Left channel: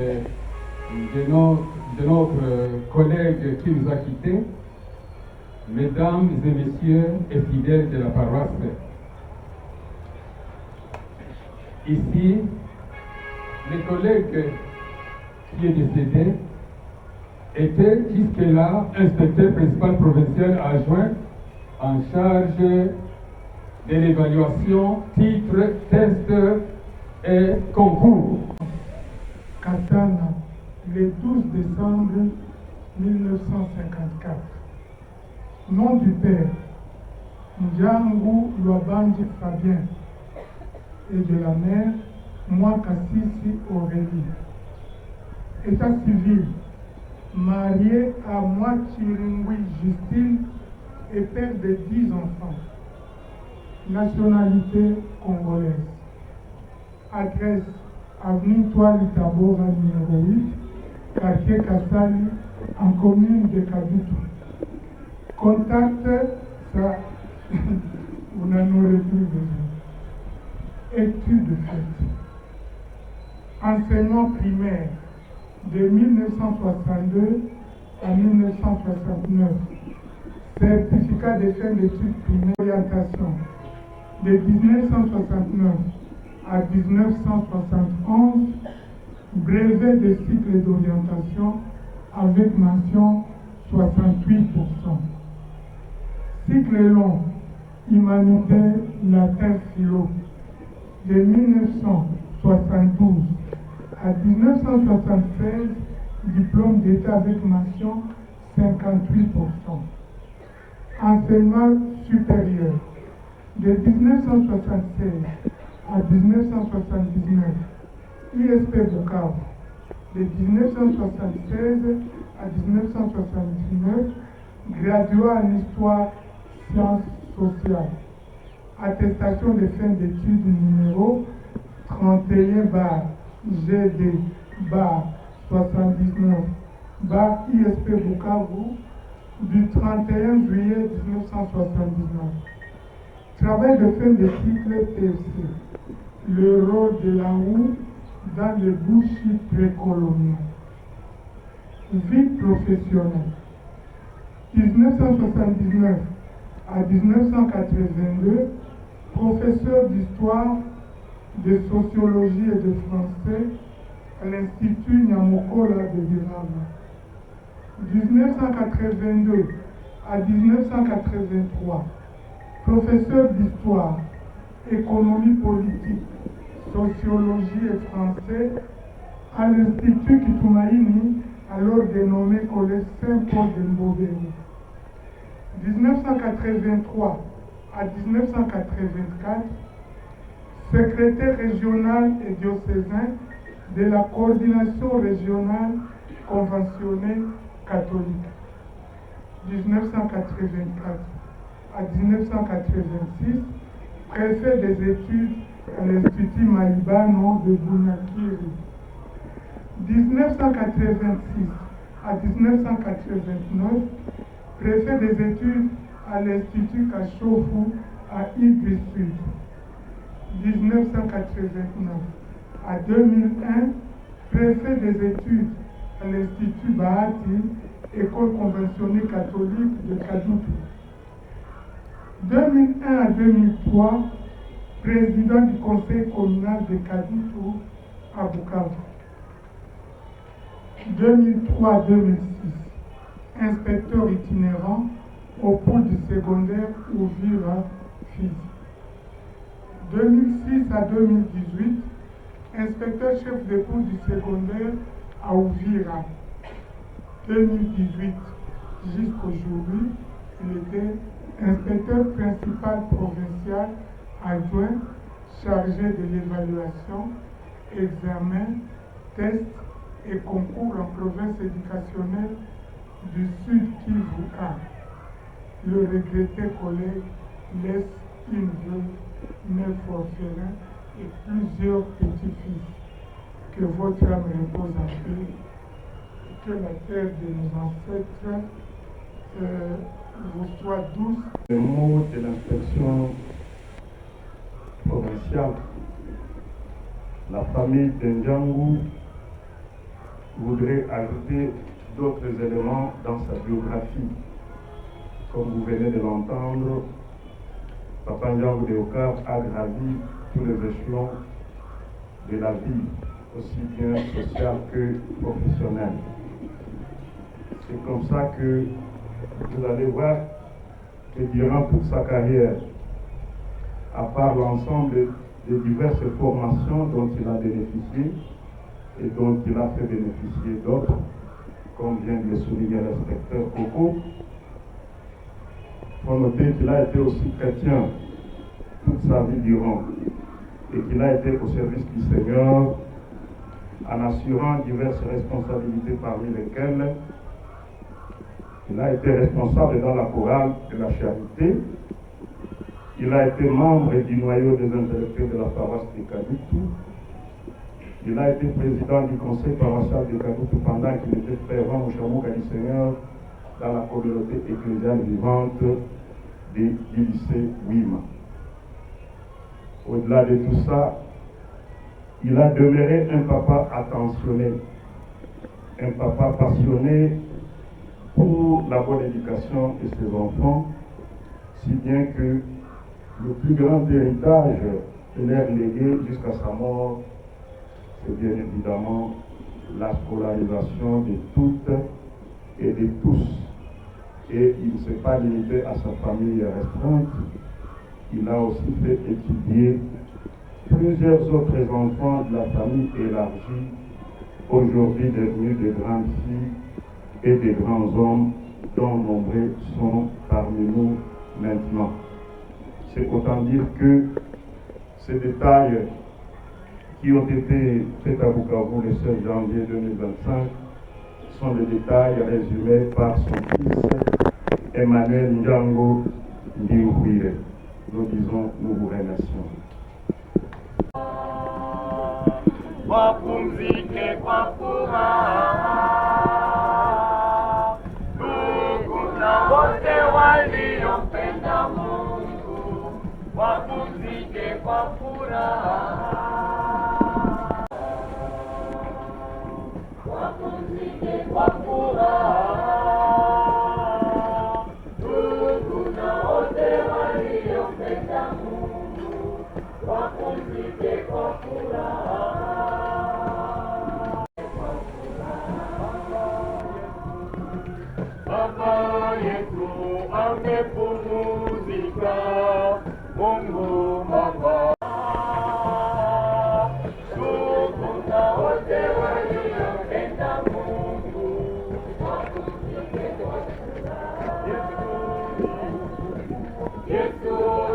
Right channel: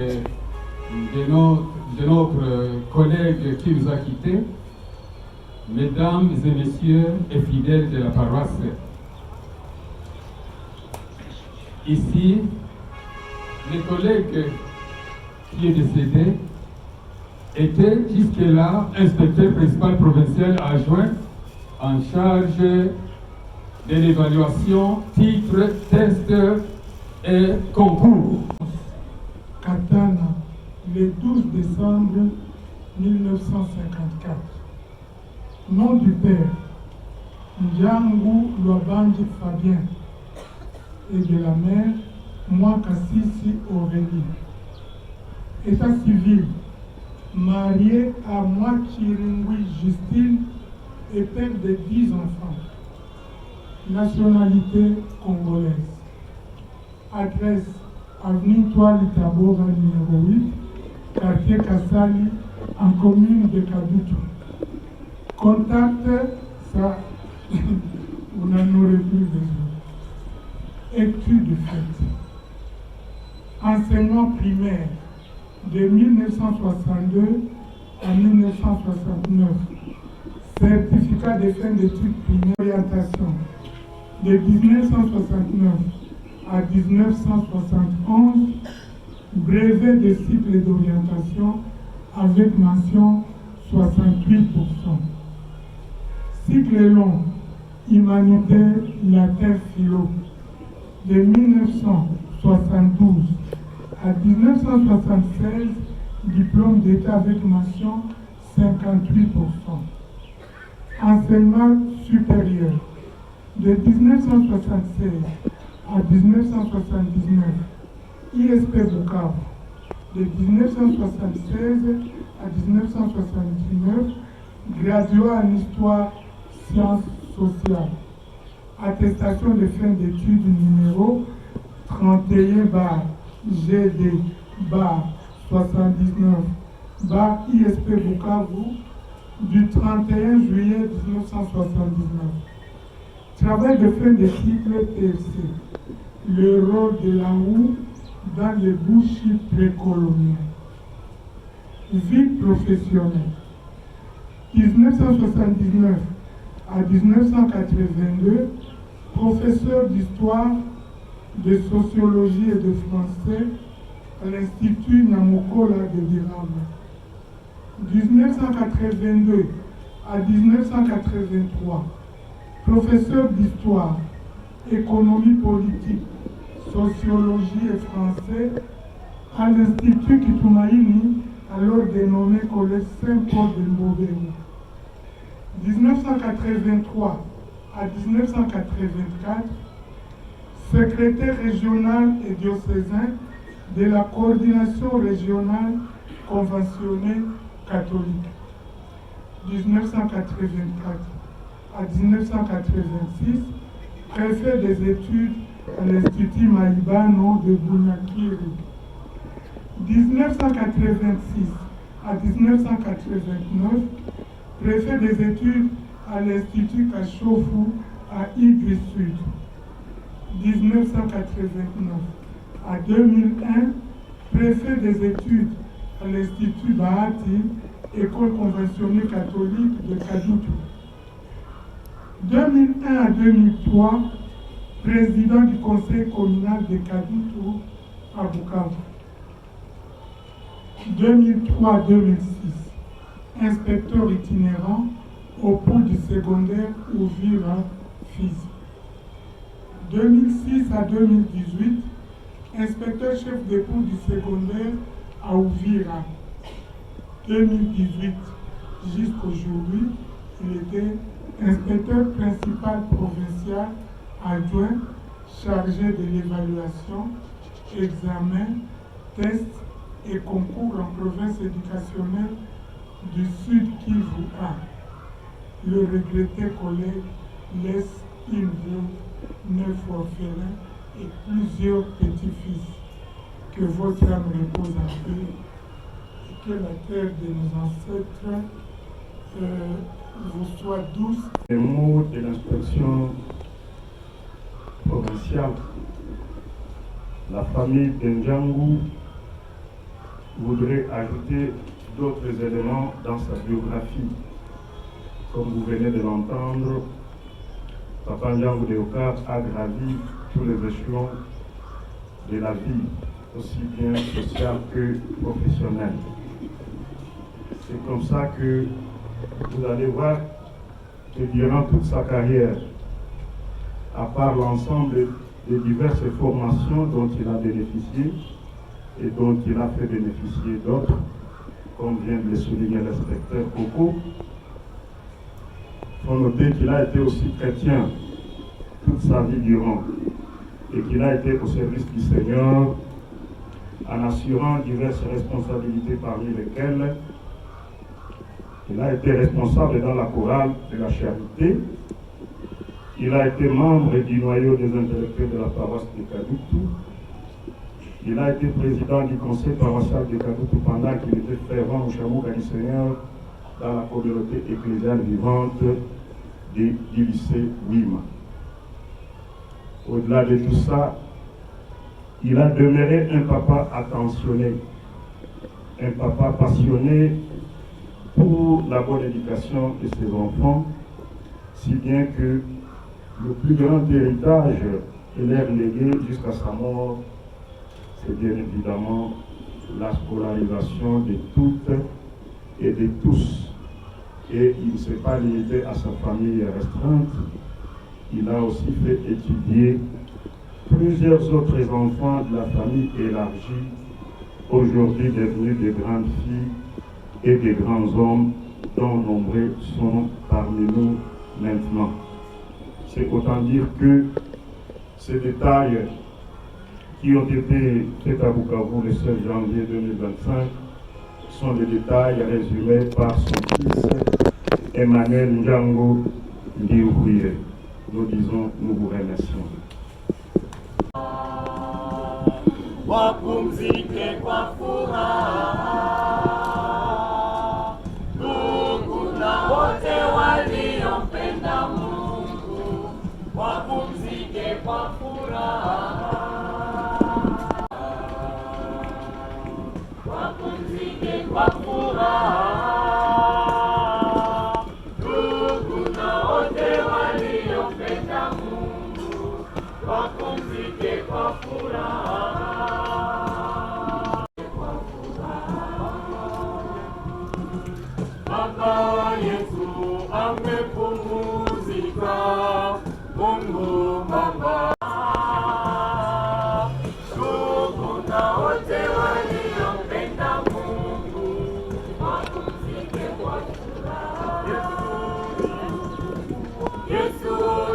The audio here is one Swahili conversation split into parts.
de notre collègue qui nous a quittés, mesdames et messieurs et fidèles de la paroisse. Ici, le collègue qui est décédé était jusque-là inspecteur principal provincial adjoint en charge de l'évaluation, titre, test et concours. Katana, le 12 décembre 1954. Nom du père, Ndjangu Lwabanji Fabien, et de la mère, Mwakasisi Aurélie. État civil, marié à Mwachiringui Justine et père de 10 enfants. Nationalité congolaise. Adresse, avenue Toile Tabora numéro 8, quartier Kassali, en commune de Kabutu. Contact, ça, vous n'en aurez plus besoin. Études faites. Enseignement primaire de 1962 à 1969. Certificat de fin d'études primaires orientation de 1969 à 1971. Brevet de cycle d'orientation avec mention 68%. Cycle long, humanité, latin, philo, de 1972 à 1976, diplôme d'État avec mention 58%. Enseignement supérieur, de 1976 à 1979, ISP Bukavu, de 1976 à 1979, graduat en histoire, sciences sociales. Attestation de fin d'études numéro 31-GD-79-ISP Bukavu du 31 juillet 1979. Travail de fin de cycle PFC. Le rôle de la roue dans les bouchis précoloniaux. Vie professionnelle. 1979 à 1982, professeur d'histoire, de sociologie et de français à l'Institut Nyamokola de Virame. 1982 à 1983, professeur d'histoire, économie politique, sociologie et français à l'Institut Kitumaini, alors dénommé Collège Saint-Paul de Mbobeni. 1983 à 1984, secrétaire régional et diocésain de la coordination régionale conventionnée catholique. 1984 à 1986, préfet des études à l'Institut Maïbano de Bunyakiri. 1986 à 1989, préfet des études à l'Institut Kachofu à Igri Sud. 1989 à 2001, préfet des études à l'Institut Bahati, école conventionnée catholique de Kadutu. 2001 à 2003, président du conseil communal de Kadutu à Bukavu. 2003-2006, inspecteur itinérant au pôle du secondaire Ouvira Fizi. 2006 à 2018, inspecteur chef de pôle du secondaire à Ouvira. 2018 jusqu'aujourd'hui, il était inspecteur principal provincial adjoint chargé de l'évaluation, examen, test et concours en province éducationnelle du Sud Kivu A. Le regretté collègue laisse une veuve, 9 orphelins et plusieurs petits-fils. Que votre âme repose en paix et que la terre de nos ancêtres vous soit douce. Les mots de l'inspection provinciale, la famille de Ndjangu voudrais ajouter d'autres éléments dans sa biographie. Comme vous venez de l'entendre, Papa Ndjango Léocard a gravi tous les échelons de la vie, aussi bien sociale que professionnelle. C'est comme ça que vous allez voir que durant toute sa carrière, à part l'ensemble des diverses formations dont il a bénéficié et dont il a fait bénéficier d'autres, comme vient de le souligner l'inspecteur Coco, il faut noter qu'il a été aussi chrétien toute sa vie durant et qu'il a été au service du Seigneur en assurant diverses responsabilités parmi lesquelles il a été responsable dans la chorale de la charité. Il a été membre du noyau des intellectuels de la paroisse de Kadutu. Il a été président du conseil paroissial de Kadutu pendant qu'il était fervent au Chamouka du Seigneur dans la communauté ecclésiale vivante du lycée Wima. Au-delà de tout ça, il a demeuré un papa attentionné, un papa passionné pour la bonne éducation de ses enfants, si bien que le plus grand héritage qu'il a légué jusqu'à sa mort, c'est bien évidemment la scolarisation de toutes et de tous. Et il ne s'est pas limité à sa famille restreinte, il a aussi fait étudier plusieurs autres enfants de la famille élargie, aujourd'hui devenus de grandes filles et de grands hommes, dont nombreux sont parmi nous maintenant. C'est autant dire que ces détails qui ont été faits à Bukavu le 16 janvier 2025 sont les détails résumés par son fils Emmanuel Ndjango Ndiouhouye. Nous disons, nous vous remercions. Wapumzike kwa furaha, ndugu na wote waliompenda Mungu, wapumzike kwa furaha, wapumzike kwa furaha, ndugu na wote waliompenda Mungu, wapumzike kwa furaha. Baba yetu amepumzika, Mungu Baba. Ndugu na wote waliompenda Mungu, wapumzike kwa furaha. Yesu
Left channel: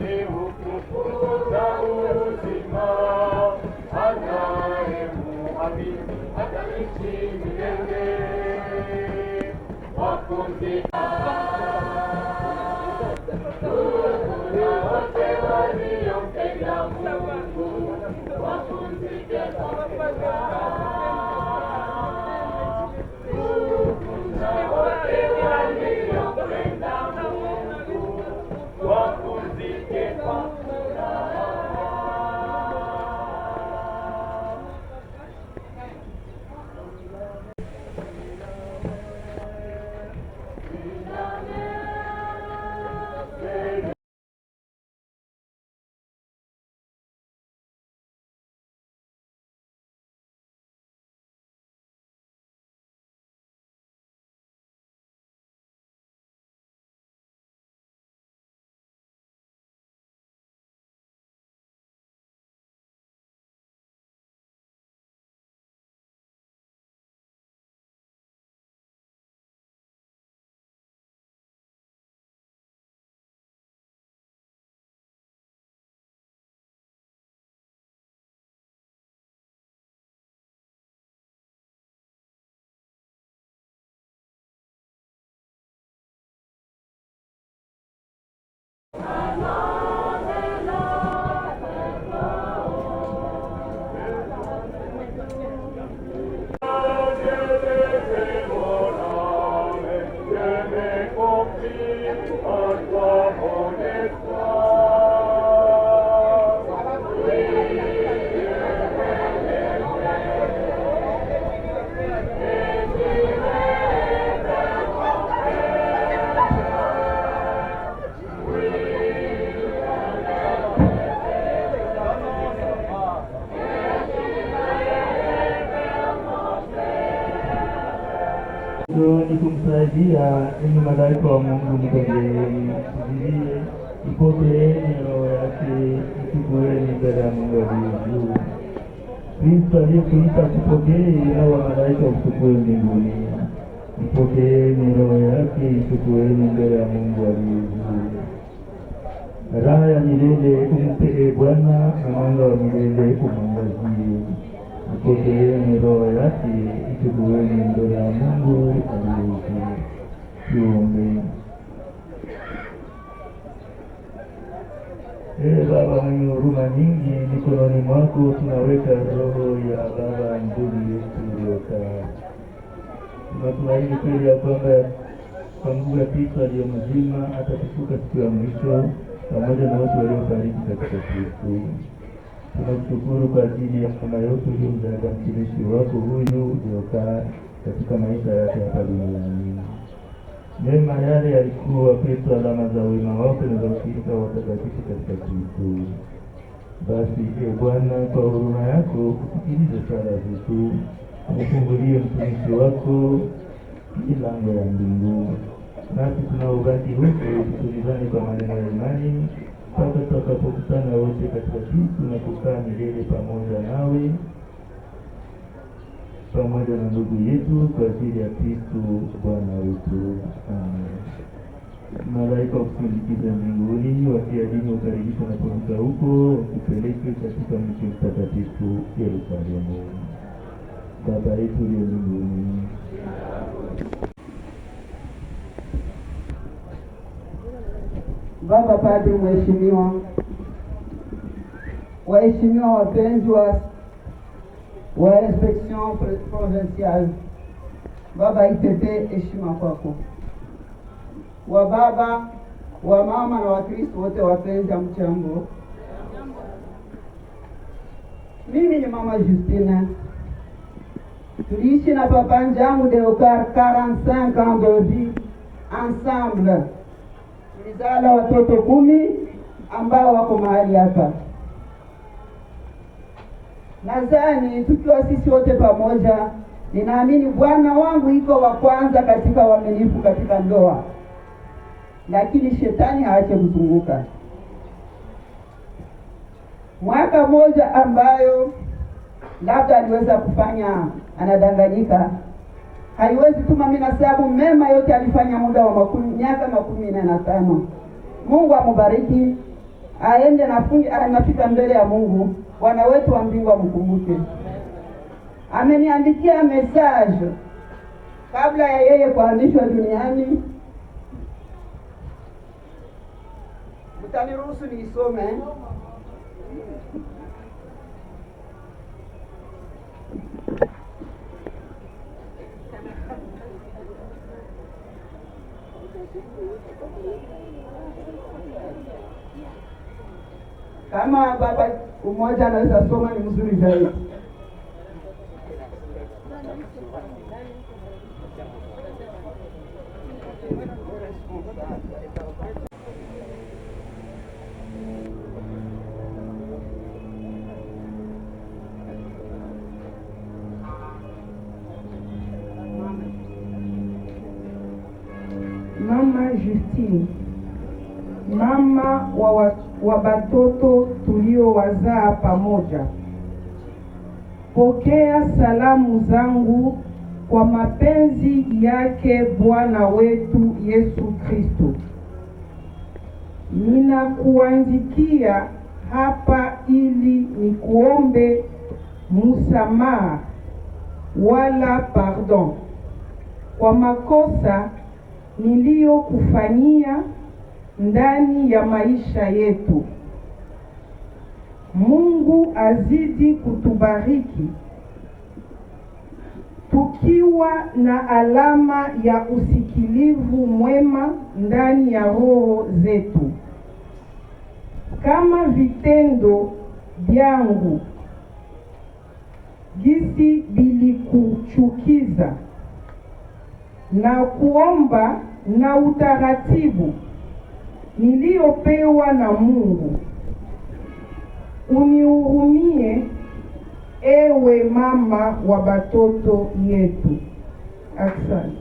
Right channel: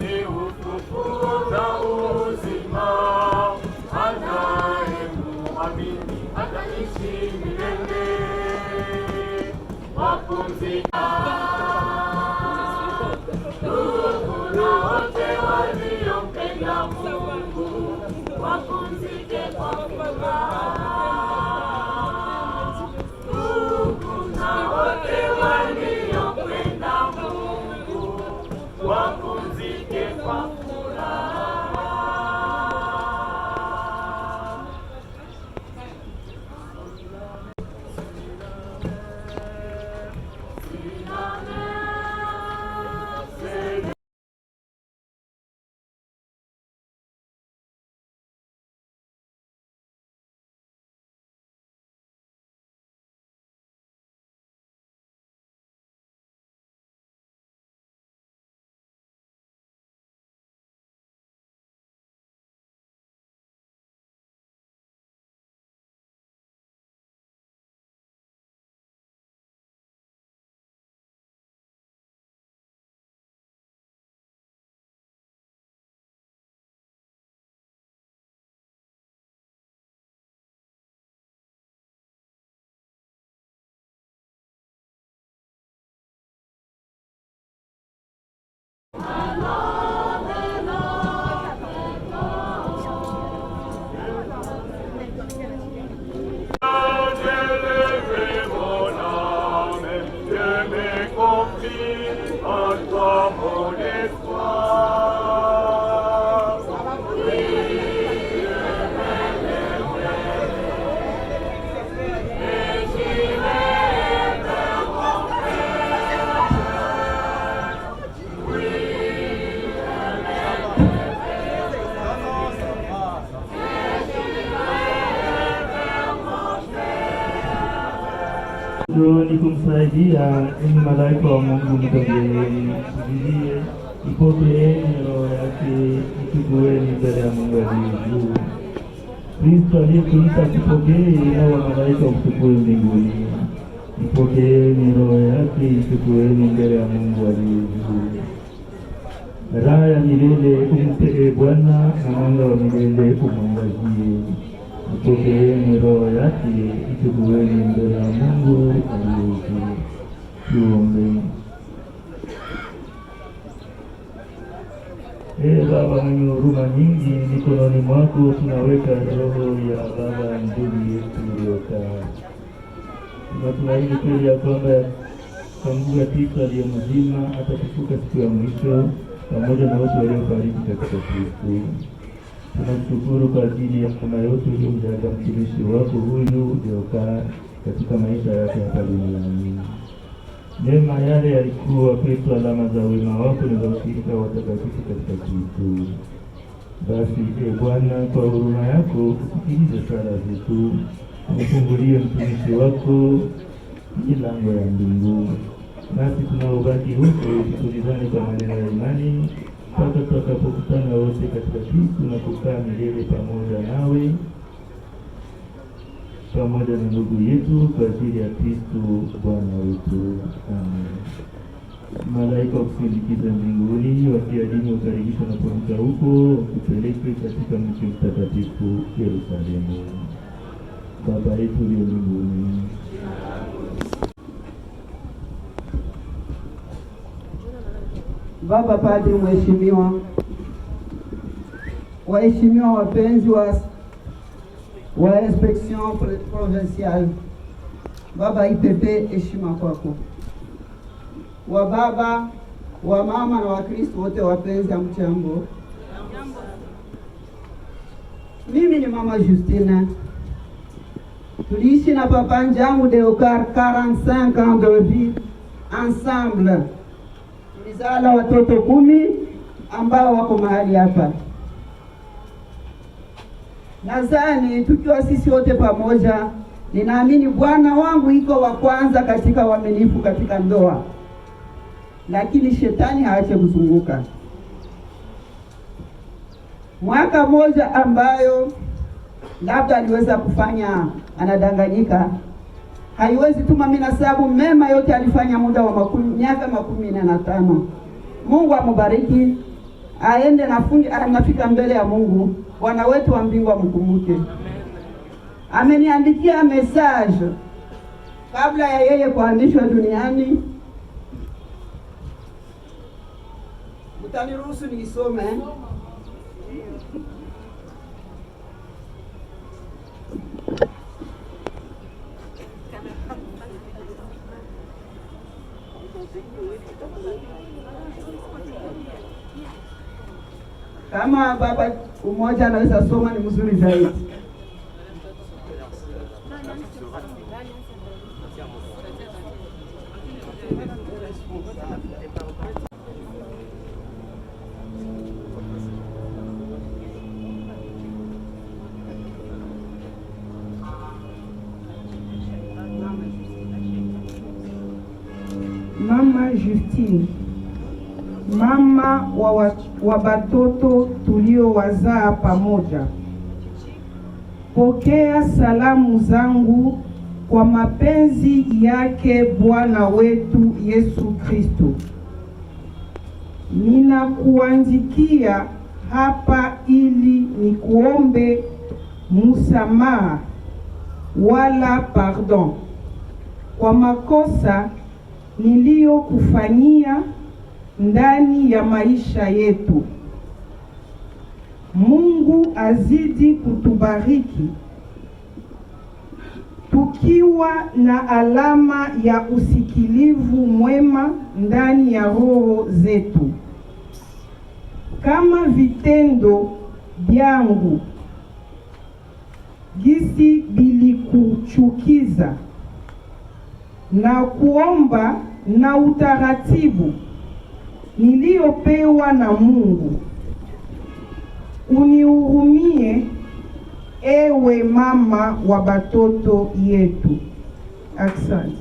ni ufufuo na uzima, anayemuamini ataishi milele. Wapumzika, ndugu na wote waliompenda Mungu, wapumzike kwa furaha. Ndugu na wote waliompenda Mungu, wapumzike kwa furaha. Sina Ni kumsaidia ili malaika wa Mungu mtangenie ipokeeni roho yake itukueni mbele ya Mungu aliye juu. Kristo aliyetuita tupokee na malaika mtukue mbinguni. Ipokeeni roho yake itukueni mbele ya Mungu aliye juu. Raha ya milele umpe Bwana na mwanga wa milele umwangazie. Ipokeeni roho yake itukueni mbele ya Mungu aliye juu. Tuombe. Baba mwenye huruma nyingi, mikononi mwako tunaweka roho ya baba ndugu yetu uliokaa. Tunatumaini kweli ya kwamba kwa Mungu ya Kristo aliye mzima atafufuka siku ya mwisho pamoja na wote waliofariki katika Kristo. Tunakushukuru kwa ajili ya kama yote uliyomjalia mtumishi wako huyu uliokaa katika maisha yake hapa duniani. Mema yale yalikuwa kwetu alama za wema wako na za ushirika wa watakatifu katika Kristo. Basi Bwana, kwa huruma yako usikilize sala zetu, ufungulie mtumishi wako milango ya mbingu. Nasi tunaobaki huko tutulizane kwa maneno ya imani mpaka tutakapokutana wote katika Kristo na kukaa milele pamoja nawe, pamoja na ndugu yetu kwa ajili ya Kristo Bwana wetu. Amen. Malaika wakusindikiza mbinguni, wakiadini ukaribisha na kuamka huko, wakupeleke katika mji mtakatifu Yerusalemu. Baba yetu uliye mbinguni, Baba Padre mheshimiwa, waheshimiwa wapenzi wa inspection provinciale, Baba IPP, heshima kwako. Wa baba, wa mama na Wakristo wote wapenzi, mchambo. Mimi ni mama Justine. Tuliishi na papa Njangu Deokar 45 ans de vie ensemble. Tulizala watoto 10 ambao wako mahali hapa. Nadhani tukiwa sisi wote pamoja, ninaamini bwana wangu iko wa kwanza katika uaminifu katika ndoa. Lakini shetani haache kuzunguka. Mwaka moja ambayo labda aliweza kufanya anadanganyika, haiwezi tuma mimi nasabu mema yote alifanya muda wa miaka 15. Mungu amubariki, aende na fungi anafika mbele ya Mungu. Bwana wetu wa mbingu amkumbuke. Ameniandikia message kabla ya yeye kuhamishwa duniani. Utaniruhusu niisome? Kama baba mmoja anaweza soma ni mzuri zaidi. Mama Justine, mama wa batoto tuliowazaa pamoja, pokea salamu zangu kwa mapenzi yake Bwana wetu Yesu Kristo. Ninakuandikia hapa ili nikuombe msamaha wala pardon kwa makosa niliyokufanyia ndani ya maisha yetu. Mungu azidi kutubariki tukiwa na alama ya usikilivu mwema ndani ya roho zetu. Kama vitendo vyangu gisi bilikuchukiza, na kuomba na utaratibu niliopewa na Mungu, unihurumie ewe mama wa batoto yetu. Asante.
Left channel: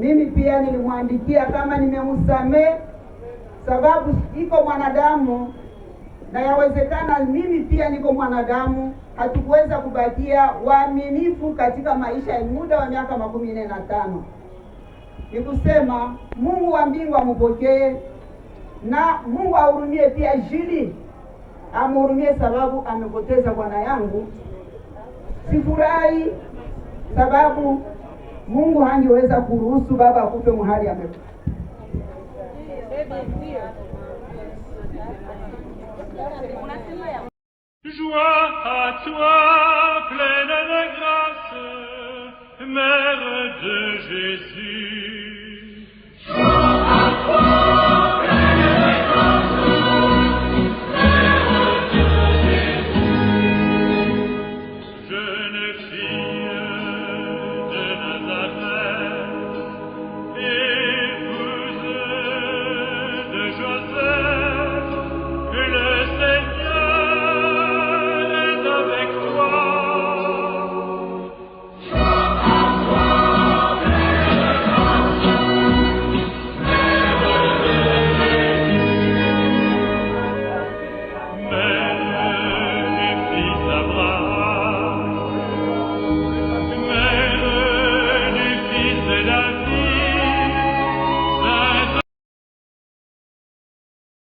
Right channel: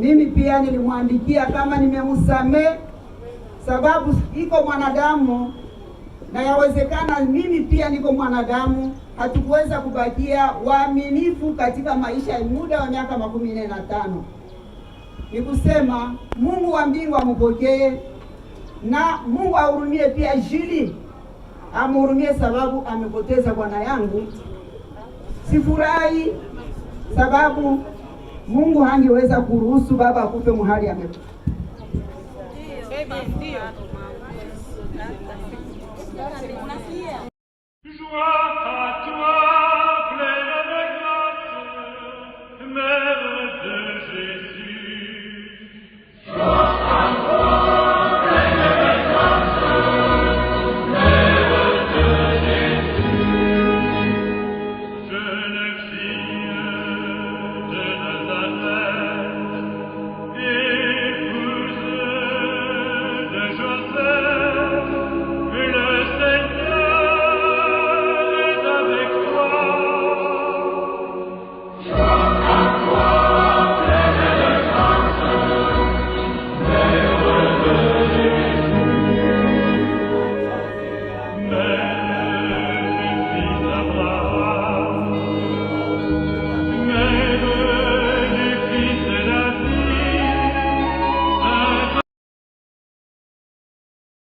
Mimi pia nilimwandikia kama nimemsamehe, sababu iko mwanadamu na yawezekana mimi pia niko mwanadamu. Hatukuweza kubakia waaminifu katika maisha ya muda wa miaka 45. Nikusema Mungu wa mbingu ampokee, na Mungu ahurumie pia Jili, amhurumie sababu amepoteza bwana yangu. Sifurahi sababu Mungu hangeweza kuruhusu baba akufe mahali amekufa. Joie à toi, pleine de grâce, Mère de Jésus.